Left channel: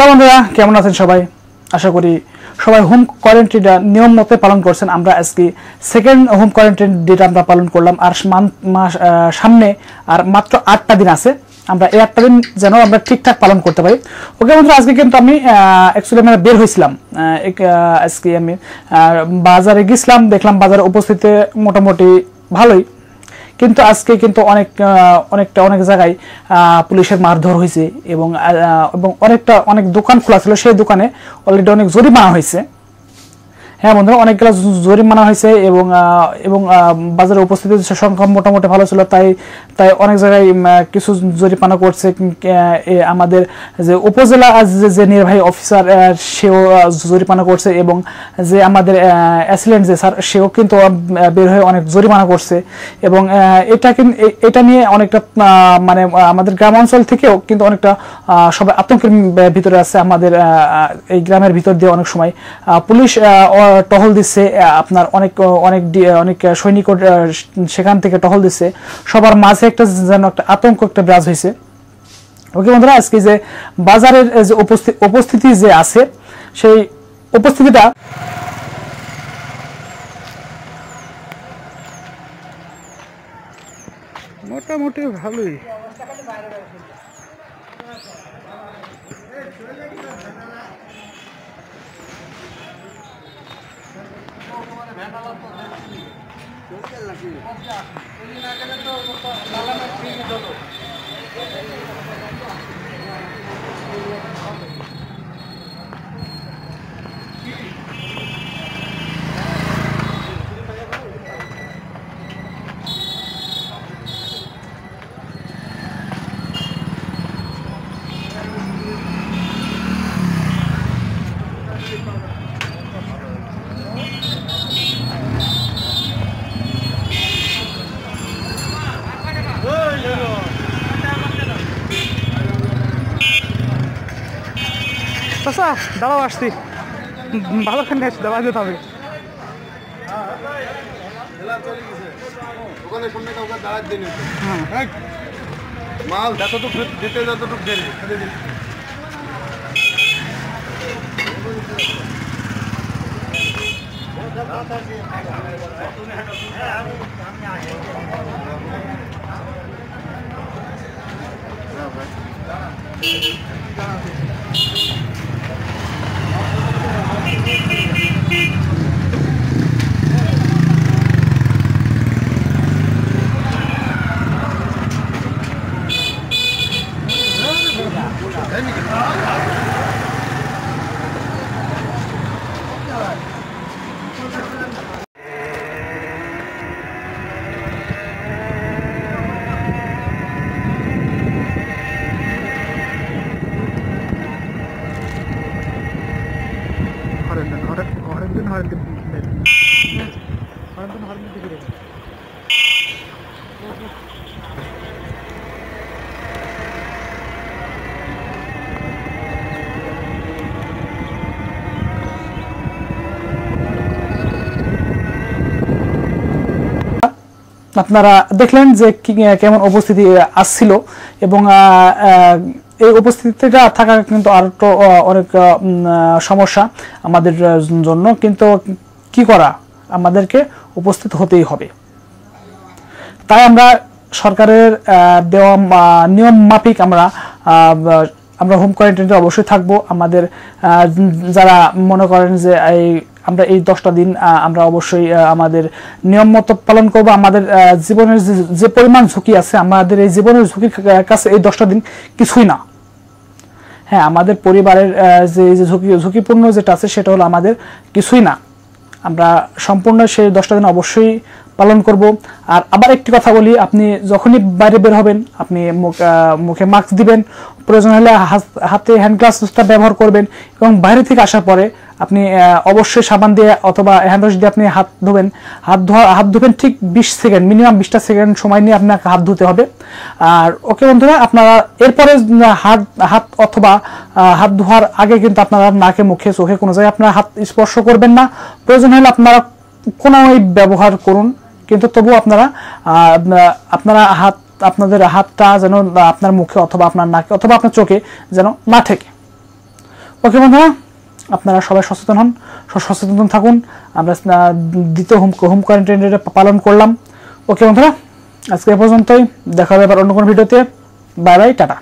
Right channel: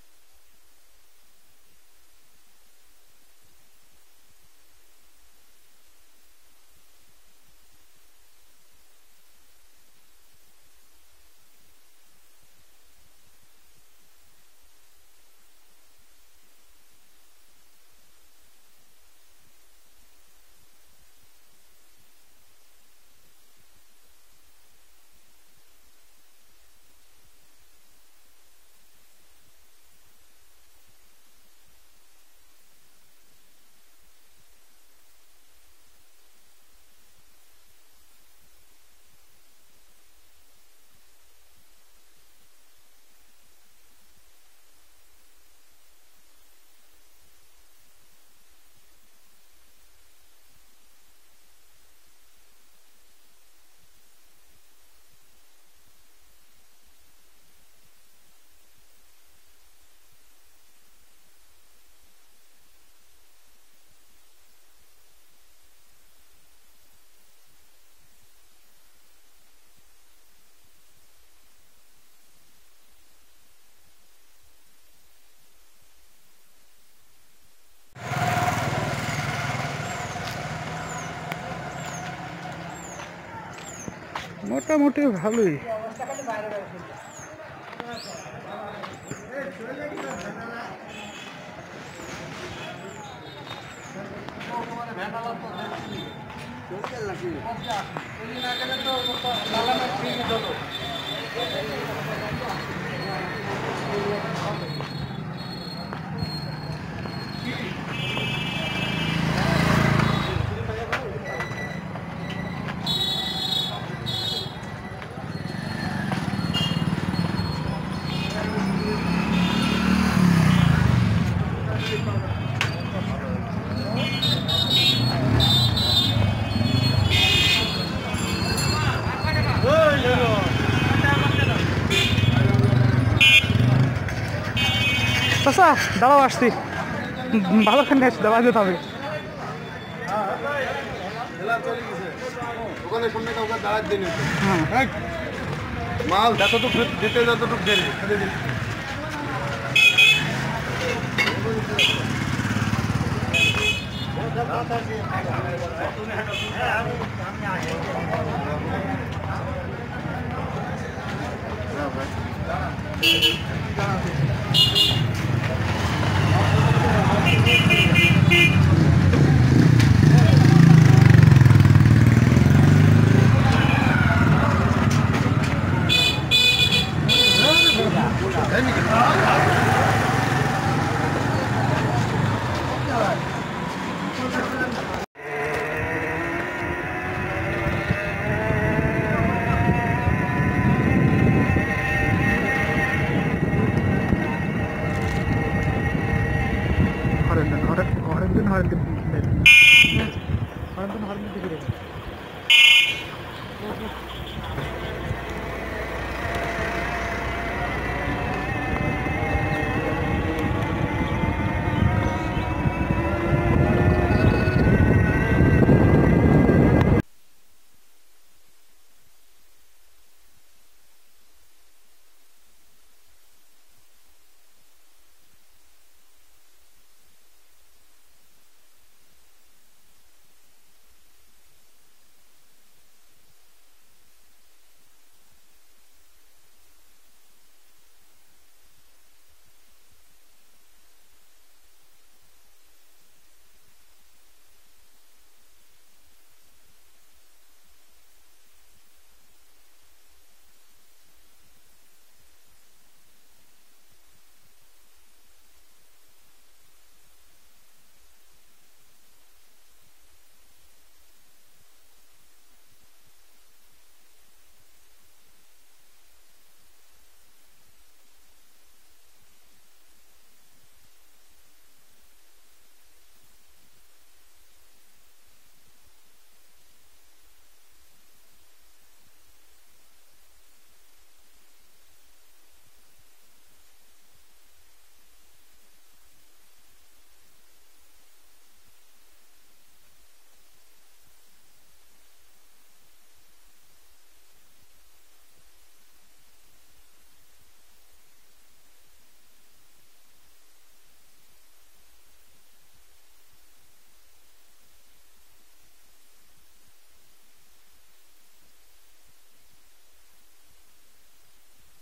Hello বন্ধুরা, কেমন আছেন সবাই? আশা করি সবাই হোম কোয়ারেন্টাইনটা নিয়ম মতো পালন করছেন। আমরা আজকে সেকেন্ড হোম কোয়ারেন্টাইন ডেটা আমরা পালন করলাম, আর সামনে আর মাত্র 8টা দিন আছে। আমরা এই 8টা দিন যেন আমরা ঠিকঠাক পালন করতে পারি। ওকে বন্ধুরা, আজকে কিন্তু আমি অ্যাকচুয়ালি আমরা বের হয়েছিলাম। আজকে আমি বাজারে গেছিলাম, দেখলাম বাজারে উপস্থিতি মোটামুটি ভালোই, কিন্তু আজকে কিন্তু অনেক জায়গায় পুলিশের মারধর হয়েছে এবং অনেক দোকান খোলা ছিল, সেই দোকানে অলরেডি অনেক জরিমানা হয়েছে। হ্যাঁ বন্ধুরা, অনেকগুলো জরিমানা হয়েছে এবং বাজারে উপস্থিতির সংখ্যা মোটামুটি ভালো ছিল, তাই অনেক জায়গায় কিছু জরিমানা করছে। আমাদের যে উপজেলা যে নির্বাহী অফিসার সেও জরিমানা করছে, এবং যে আমাদের অ্যাসিস্ট্যান্ট যে স্যার সেও কিন্তু বের হয়ে অনেক জরিমানা করছে। এবং এটা নিয়ে অনেকটা মানে আমাদের গ্রাম অঞ্চল থেকেও কিন্তু অনেকটা সবাই আতঙ্কের ভিতরে আছে। আমাদের এই গ্রামের ভিতর দিয়ে অনেক সময় পুলিশ টহল দিচ্ছে, আপনার অনেক সৈনিক সেখান থেকে টহল দিচ্ছে। সবার মাঝে একটা যেন একটা আতঙ্ক একটা বিরাজ হয়েছে। ওকে বন্ধুরা, আজকে যে বাজারের যে উপস্থিতি যে আছে, সেই উপস্থিতিটা মোটামুটি ভালোই। আচ্ছা দাঁড়াও, আসছি, ভালো খান আসছি, দাঁড়া যেতে হবে। মাল যতটুকু দিতে যতটুকু দেরি আপনারা দেখলেন যে কেমন উপস্থিতি আসছিল, এবং এই উপস্থিতিটা থাকা কিন্তু আর তো অনেক সমস্যা আমাদের জন্য, কিন্তু কি করা, আমাদেরকে উপস্থিত হতেই হবে। তাই আমরা সরকারের দেওয়া নিয়ম মাফিক আমরা হোম কোয়ারেন্টাইনে অবশ্যই থাকবো। আমাদের যারা মনে করেন যে আমরা এই 10টা দিন আমরা অবশ্যই আমাদের নিয়ম মতো পালন করব। আমাদের জীবনের যে পরিমাণ ঝুঁকি আছে, আমাদের এই জীবনের ঝুঁকির কাছে এই 10টা দিন কিছুই না। হ্যাঁ, আমাদের পরিবারের যে ঝুঁকিপূর্ণ যেটা আছে সেটা হলো আমাদের কিছুই না। আমরা সম্পূর্ণ সেই 10টা দিন অবশ্যই পালন করব। আর আবার একটি কথা বলি, আপনি যখনই বাইরে বের হবেন, আপনি মুখে মাস্ক দিবেন, প্রয়োজন হলে হাতে হ্যান্ড গ্লাভসটা ব্যবহার করবেন, এবং বাইরে থেকে আসার পরে আপনি অবশ্যই সাবান দিয়ে অথবা হ্যান্ড ওয়াশ দিয়ে আপনি হাত ধুবেন ঠিক 20 সেকেন্ড, মিনিমাম 20টা সেকেন্ড সময় নিয়ে আপনাকে হাত ধুতে হবে। আর ওকে বন্ধুরা, আপনারা এরপরে হাত অথবা হাত ধোয়ার আগে কিন্তু আপনারা নাকে মুখে চোখে কোনো জায়গায় আপনারা হাত স্পর্শ করবেন না। প্রয়োজন হলে আপনারা কোনোই ব্যবহার করুন, কিন্তু তবু আপনারা আপনাদের হাতটা যেন আপনার মুখে অথবা আপনার নাকে অথবা আপনার চোখে যেন না ঠেকে। ওকে বন্ধুরা, আপনারা সবাই সচেতন হন, সচেতন থাকুন। আমরা দ্বিতীয় হোম কোয়ারেন্টাইন ডে পালন করলাম। ওকে বন্ধুরা, আজকে এ পর্যন্তই, দেখা হবে আবার অন্য কোনো ভিডিওতে। Bye bye, tata.